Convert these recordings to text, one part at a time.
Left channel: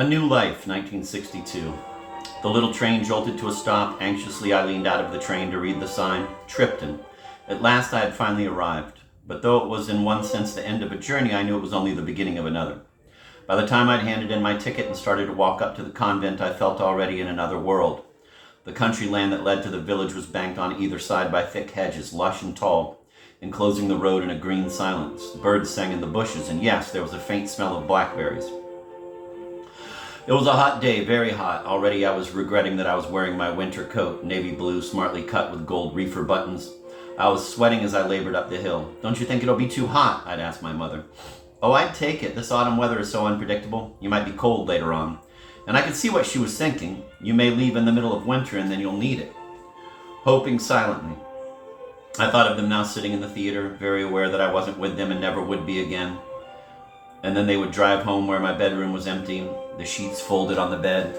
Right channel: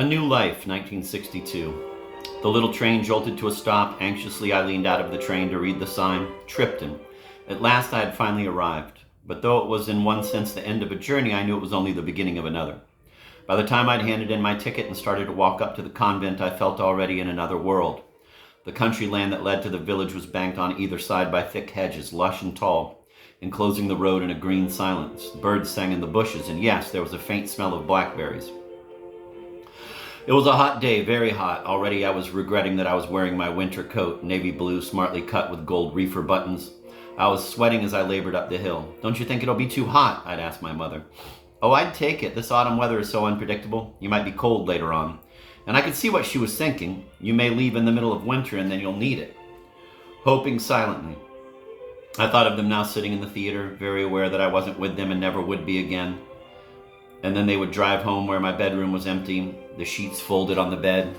A New Life, 1962. The little train jolted to a stop. Anxiously, I leaned out of the train to read the sign, Tripton. At last, I had finally arrived. But though it was in one sense the end of a journey, I knew it was only the beginning of another. By the time I'd handed in my ticket and started to walk up to the convent, I felt already in another world. The country land that led to the village was banked on either side by thick hedges, lush and tall, enclosing the road in a green silence. Birds sang in the bushes, and yes, there was a faint smell of blackberries. It was a hot day, very hot. Already I was regretting that I was wearing my winter coat, navy blue, smartly cut with gold reefer buttons. I was sweating as I labored up the hill. "Don't you think it'll be too hot?" I'd asked my mother. "Oh, I'd take it. This autumn weather is so unpredictable. You might be cold later on." And I could see what she was thinking. You may leave in the middle of winter and then you'll need it. Hoping silently. I thought of them now sitting in the theater, very aware that I wasn't with them and never would be again. And then they would drive home where my bedroom was empty, the sheets folded on the bed.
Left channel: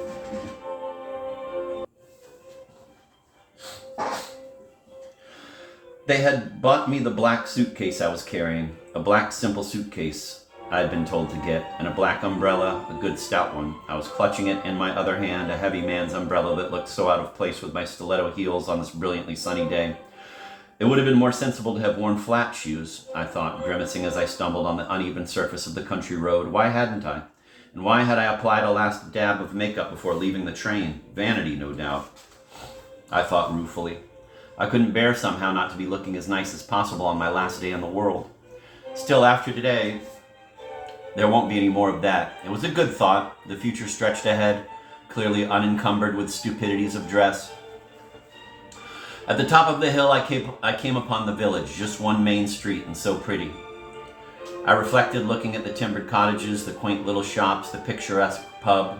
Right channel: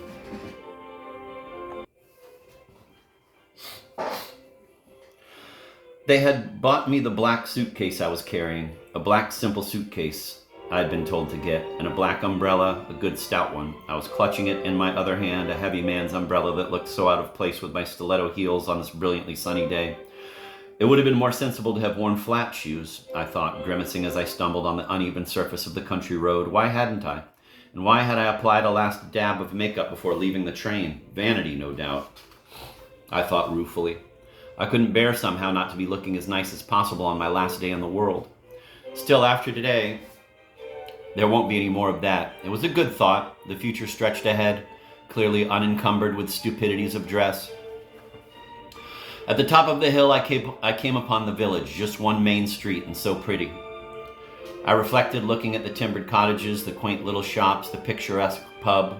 They had bought me the black suitcase I was carrying, a black simple suitcase I had been told to get, and a black umbrella, a good stout one. I was clutching it in my other hand, a heavy man's umbrella that looked so out of place with my stiletto heels on this brilliantly sunny day. It would have been more sensible to have worn flat shoes, I thought, grimacing as I stumbled on the uneven surface of the country road. Why hadn't I? And why had I applied a last dab of makeup before leaving the train? Vanity, no doubt, I thought ruefully. I couldn't bear somehow not to be looking as nice as possible on my last day in the world. Still, after today, there won't be any more of that. It was a good thought. The future stretched ahead, clearly unencumbered with stupidities of dress. At the top of the hill, I came upon the village, just one main street, and so pretty. I reflected, looking at the timbered cottages, the quaint little shops, the picturesque pub.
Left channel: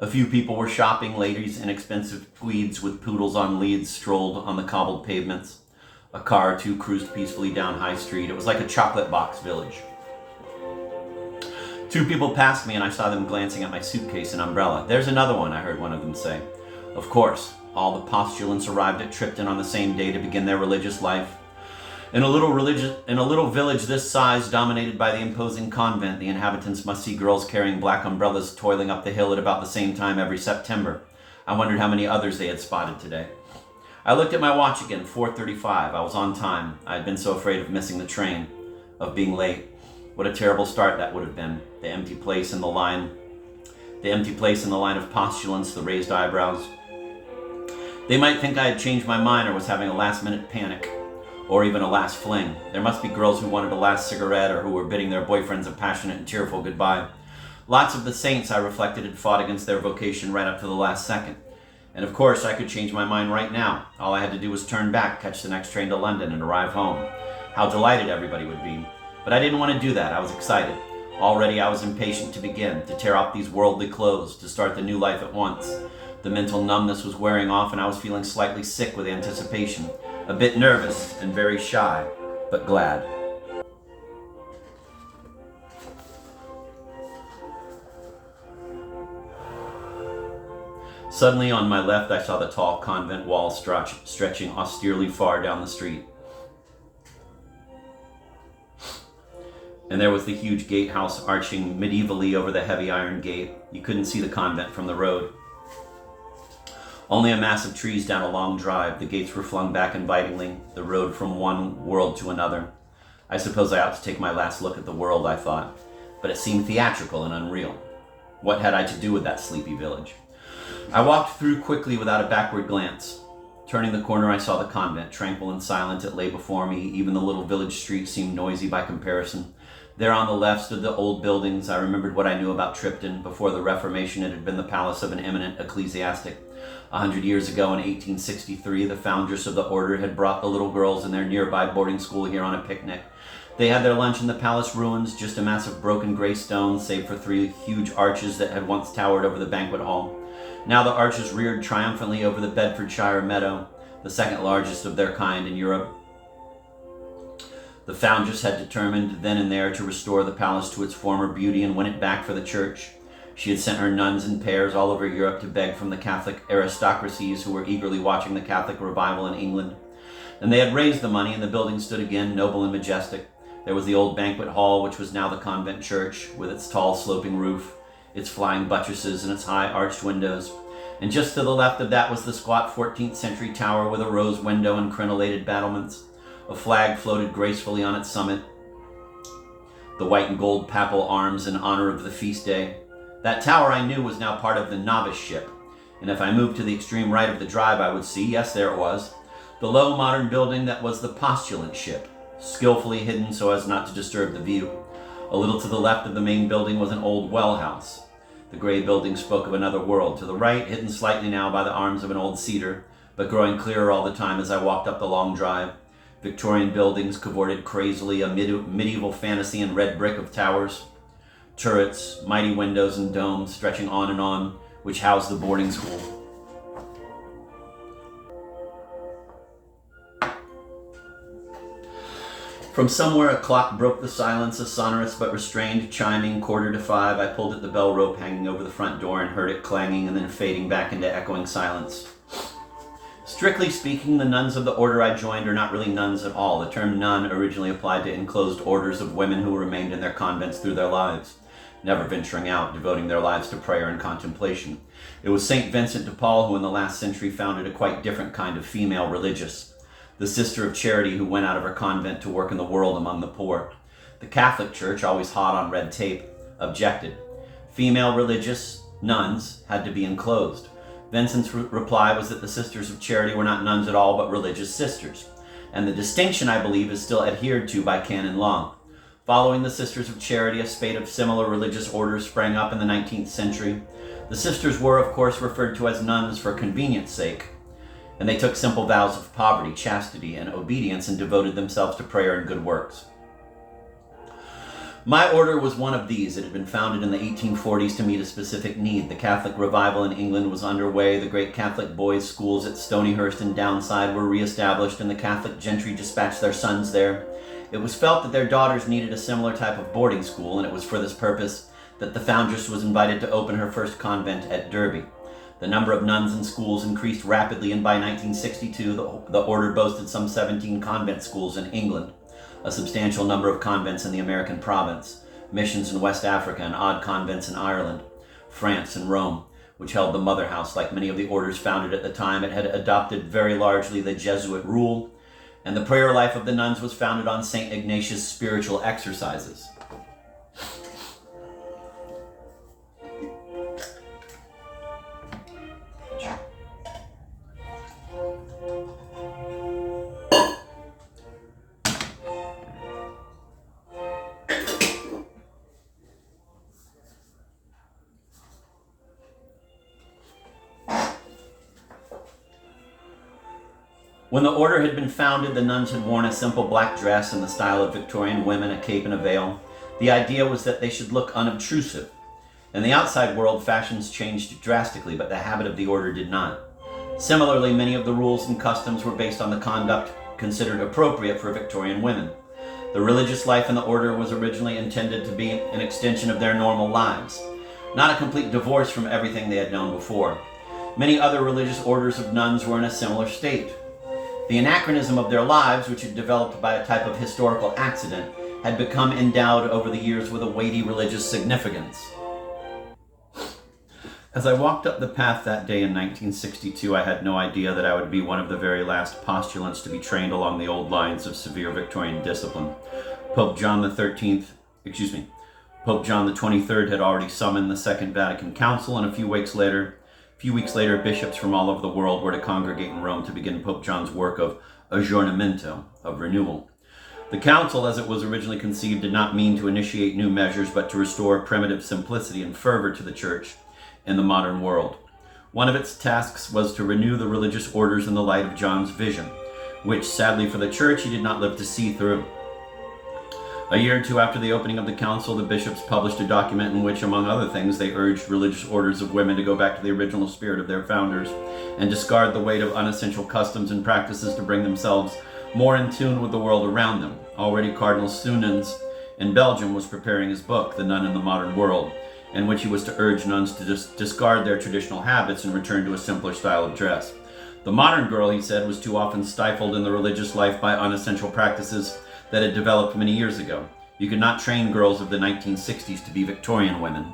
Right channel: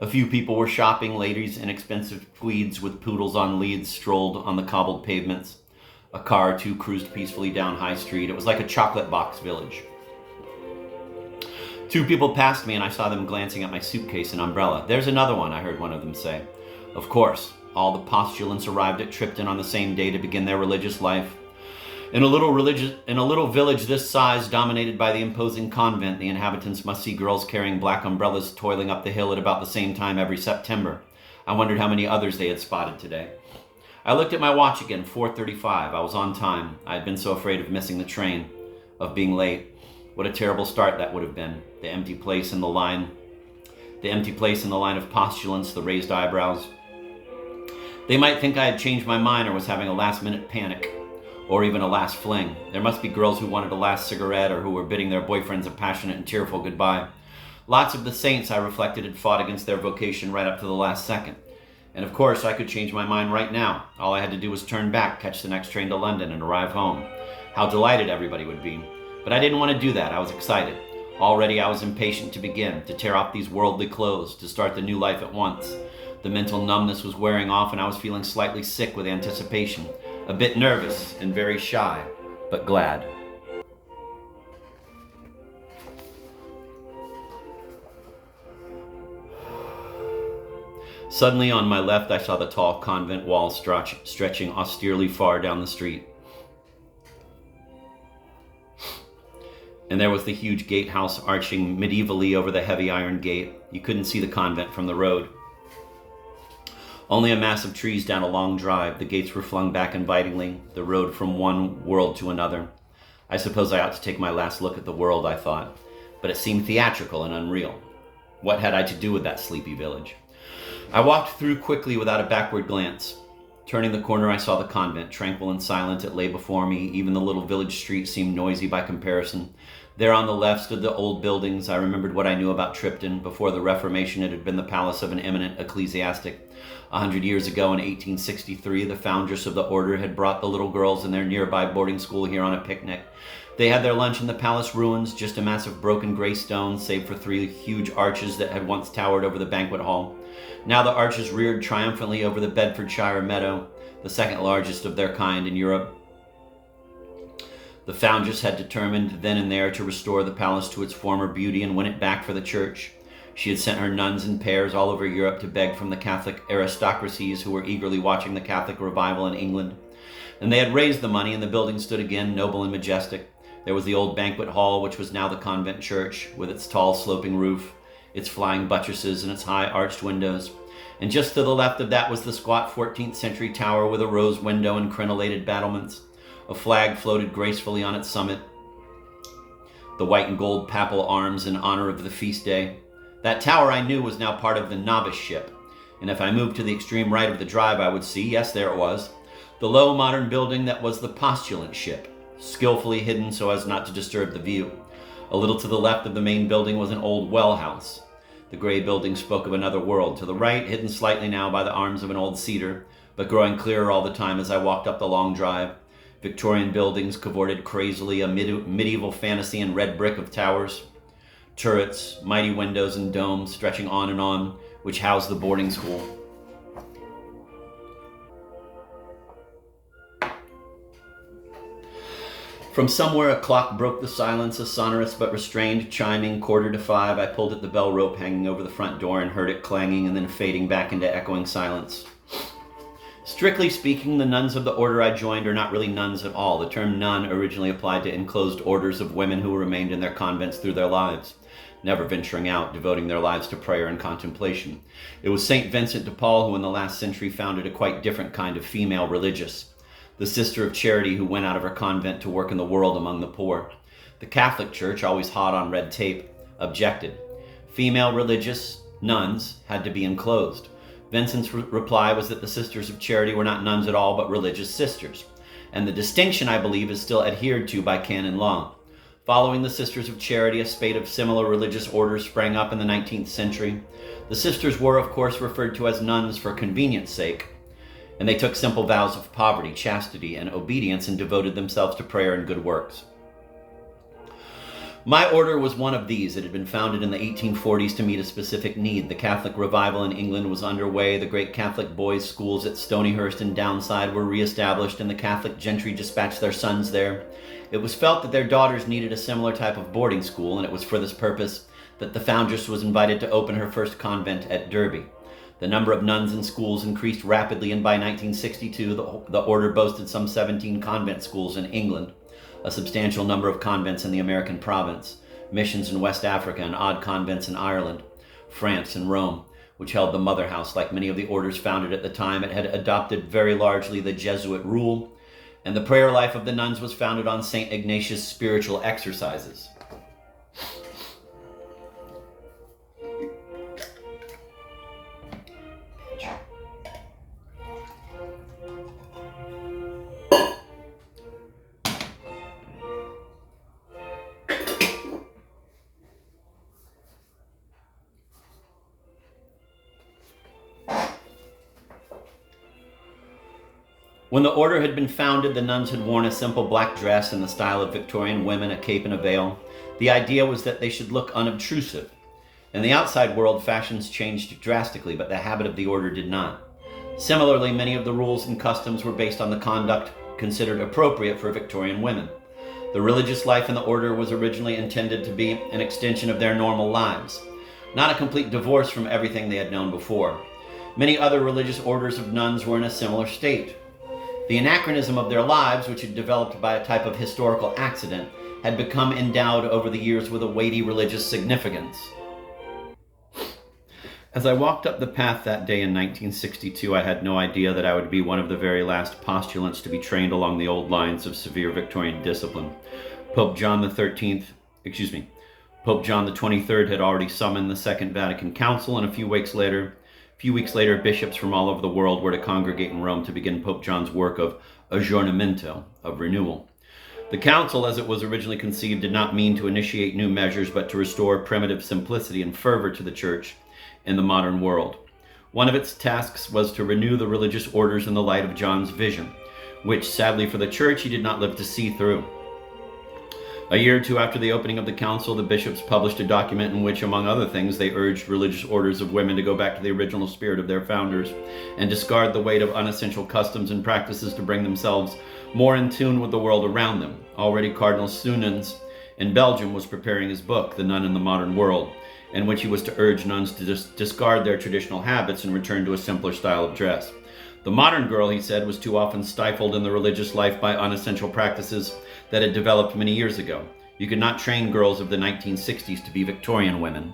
A few people were shopping. Ladies in expensive tweeds with poodles on leads strolled on the cobbled pavements. A car or two cruised peacefully down High Street. It was like a chocolate box village. Two people passed me and I saw them glancing at my suitcase and umbrella. "There's another one," I heard one of them say. Of course, all the postulants arrived at Tripton on the same day to begin their religious life. In a little village this size, dominated by the imposing convent, the inhabitants must see girls carrying black umbrellas toiling up the hill at about the same time every September. I wondered how many others they had spotted today. I looked at my watch again, 4:35. I was on time. I had been so afraid of missing the train, of being late. What a terrible start that would have been. The empty place in the line of postulants, the raised eyebrows. They might think I had changed my mind or was having a last-minute panic, or even a last fling. There must be girls who wanted a last cigarette or who were bidding their boyfriends a passionate and tearful goodbye. Lots of the saints, I reflected, had fought against their vocation right up to the last second. And of course, I could change my mind right now. All I had to do was turn back, catch the next train to London, and arrive home. How delighted everybody would be. But I didn't want to do that. I was excited. Already I was impatient to begin, to tear off these worldly clothes, to start the new life at once. The mental numbness was wearing off and I was feeling slightly sick with anticipation. A bit nervous and very shy, but glad. Suddenly on my left, I saw the tall convent wall stretching austerely far down the street. And there was the huge gatehouse arching medievally over the heavy iron gate. You couldn't see the convent from the road. Only a mass of trees down a long drive. The gates were flung back invitingly, the road from one world to another. I suppose I ought to take my last look at the world, I thought, but it seemed theatrical and unreal. What had I to do with that sleepy village? I walked through quickly without a backward glance. Turning the corner, I saw the convent. Tranquil and silent, it lay before me. Even the little village street seemed noisy by comparison. There on the left stood the old buildings. I remembered what I knew about Tripton. Before the Reformation, it had been the palace of an eminent ecclesiastic. 100 years ago, in 1863, the foundress of the order had brought the little girls in their nearby boarding school here on a picnic. They had their lunch in the palace ruins, just a mass of broken gray stones, save for 3 huge arches that had once towered over the banquet hall. Now the arches reared triumphantly over the Bedfordshire meadow, the second largest of their kind in Europe. The foundress had determined then and there to restore the palace to its former beauty and win it back for the church. She had sent her nuns in pairs all over Europe to beg from the Catholic aristocracies who were eagerly watching the Catholic revival in England. And they had raised the money, and the building stood again, noble and majestic. There was the old banquet hall, which was now the convent church, with its tall sloping roof, its flying buttresses, and its high arched windows. And just to the left of that was the squat 14th century tower with a rose window and crenellated battlements. A flag floated gracefully on its summit, the white and gold papal arms in honor of the feast day. That tower, I knew, was now part of the novice ship, and if I moved to the extreme right of the drive, I would see, yes, there it was, the low modern building that was the postulant ship, skillfully hidden so as not to disturb the view. A little to the left of the main building was an old well house. The gray building spoke of another world. To the right, hidden slightly now by the arms of an old cedar, but growing clearer all the time as I walked up the long drive, Victorian buildings cavorted crazily, a medieval fantasy in red brick of towers, turrets, mighty windows and domes stretching on, which housed the boarding school. From somewhere a clock broke the silence, a sonorous but restrained chiming 5:15. I pulled at the bell rope hanging over the front door and heard it clanging and then fading back into echoing silence. Strictly speaking, the nuns of the order I joined are not really nuns at all. The term nun originally applied to enclosed orders of women who remained in their convents through their lives, never venturing out, devoting their lives to prayer and contemplation. It was St. Vincent de Paul who in the last century founded a quite different kind of female religious, the Sister of Charity who went out of her convent to work in the world among the poor. The Catholic Church, always hot on red tape, objected. Female religious nuns had to be enclosed. Vincent's reply was that the Sisters of Charity were not nuns at all, but religious sisters. And the distinction, I believe, is still adhered to by canon law. Following the Sisters of Charity, a spate of similar religious orders sprang up in the 19th century. The sisters were, of course, referred to as nuns for convenience sake, and they took simple vows of poverty, chastity, and obedience and devoted themselves to prayer and good works. My order was one of these. It had been founded in the 1840s to meet a specific need. The Catholic revival in England was underway. The great Catholic boys' schools at Stonyhurst and Downside were reestablished, and the Catholic gentry dispatched their sons there. It was felt that their daughters needed a similar type of boarding school, and it was for this purpose that the foundress was invited to open her first convent at Derby. The number of nuns and schools increased rapidly, and by 1962, the order boasted some 17 convent schools in England, a substantial number of convents in the American province, missions in West Africa, and odd convents in Ireland, France, and Rome, which held the mother house. Like many of the orders founded at the time, it had adopted very largely the Jesuit rule, and the prayer life of the nuns was founded on St. Ignatius' spiritual exercises. When the order had been founded, the nuns had worn a simple black dress in the style of Victorian women, a cape and a veil. The idea was that they should look unobtrusive. In the outside world, fashions changed drastically, but the habit of the order did not. Similarly, many of the rules and customs were based on the conduct considered appropriate for Victorian women. The religious life in the order was originally intended to be an extension of their normal lives, not a complete divorce from everything they had known before. Many other religious orders of nuns were in a similar state. The anachronism of their lives, which had developed by a type of historical accident, had become endowed over the years with a weighty religious significance. As I walked up the path that day in 1962, I had no idea that I would be one of the very last postulants to be trained along the old lines of severe Victorian discipline. Pope John the 23rd had already summoned the Second Vatican Council, and a few weeks later, bishops from all over the world were to congregate in Rome to begin Pope John's work of aggiornamento, of renewal. The council, as it was originally conceived, did not mean to initiate new measures, but to restore primitive simplicity and fervor to the Church in the modern world. One of its tasks was to renew the religious orders in the light of John's vision, which, sadly for the Church, he did not live to see through. A year or two after the opening of the council, the bishops published a document in which, among other things, they urged religious orders of women to go back to the original spirit of their founders and discard the weight of unessential customs and practices to bring themselves more in tune with the world around them. Already Cardinal Sunens in Belgium was preparing his book, The Nun in the Modern World, in which he was to urge nuns to discard their traditional habits and return to a simpler style of dress. The modern girl, he said, was too often stifled in the religious life by unessential practices that had developed many years ago. You could not train girls of the 1960s to be Victorian women.